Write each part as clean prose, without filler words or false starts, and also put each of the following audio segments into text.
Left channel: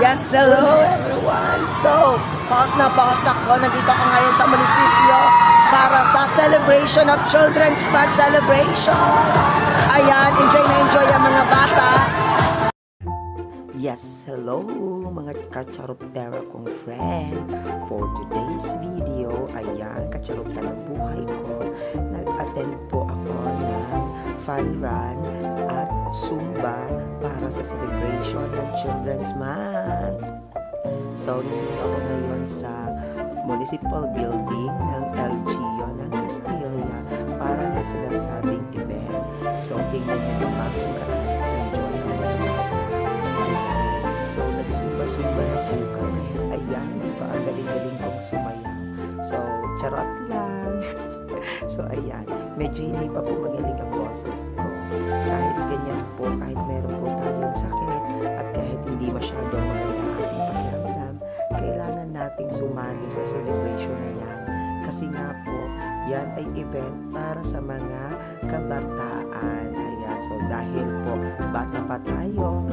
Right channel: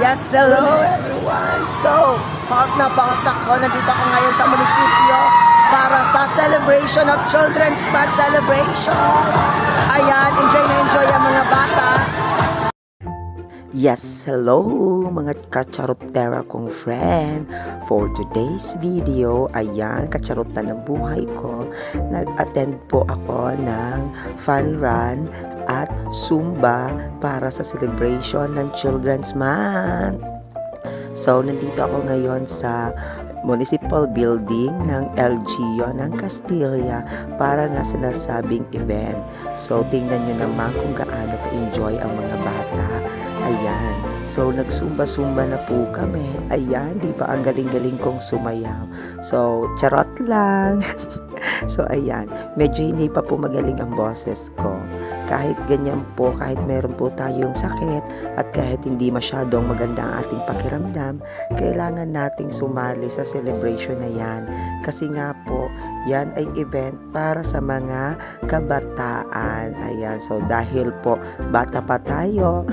Yes, hello everyone. So, pause na pause ako. Nandito ako ngayon sa munisipyo para sa celebration of Children's Month celebration. Ayan, enjoy na enjoy ang mga bata. Yes, hello mga kacharotera kong friend. For today's video, ayan, kacharotan ng buhay ko. Nag-attend po ako ng fun run at Zumba para sa celebration ng Children's Month. So, nandito ako ngayon sa municipal building ng LGU ng Castilla para na sinasabing event. So, tingnan nyo naman kung gaano ka-enjoy ang mga bata. Ayan. So, nagsumba-sumba na po kami. Ayan, di ba? Ang galing-galing kong sumayaw. So, charot lang. So, ayan. Medyo hindi pa po magaling ang boses ko. Kahit ganyan po, kahit meron po tayong sakit at kahit hindi masyadong maganda ang ating pakiramdam, kailangan nating sumali sa celebration na yan. Kasi nga po, yan ay event para sa mga kabataan. Ayan, so dahil po bata pa tayo,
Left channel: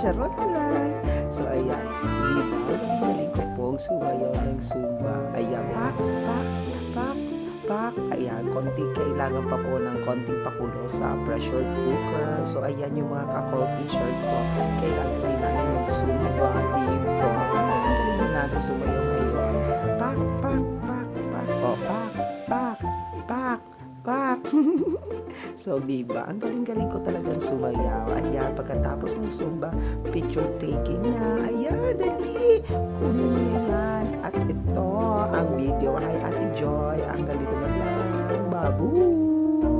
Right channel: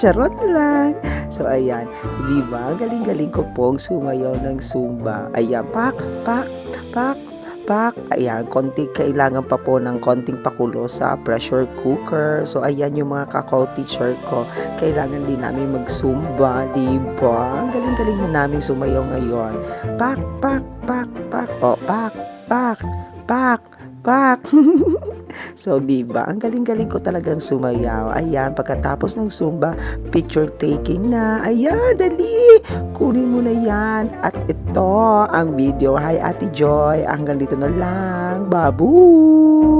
charot lang. So ayan, di ba? Galing-galing ko pong sumayaw ng Zumba. Ayan, pak, pak, pak, pak. Ayan, kailangan pa po ng konting pakulo sa pressure cooker. So ayan yung mga teacher ko. Kailangan din namin mag-Zumba, di ba? Ang galing-galing na namin sumayaw ngayon. Pak, pak, pak, pak. O, pak, pak, pak, pak. So, diba? Ang galing-galing ko talagang sumayaw. Ayan, pagkatapos ng Zumba, picture taking na. Ayan, dali! Kunin mo na yan. At ito ang video. Hi, Ate Joy. Hanggang dito na lang. Babu!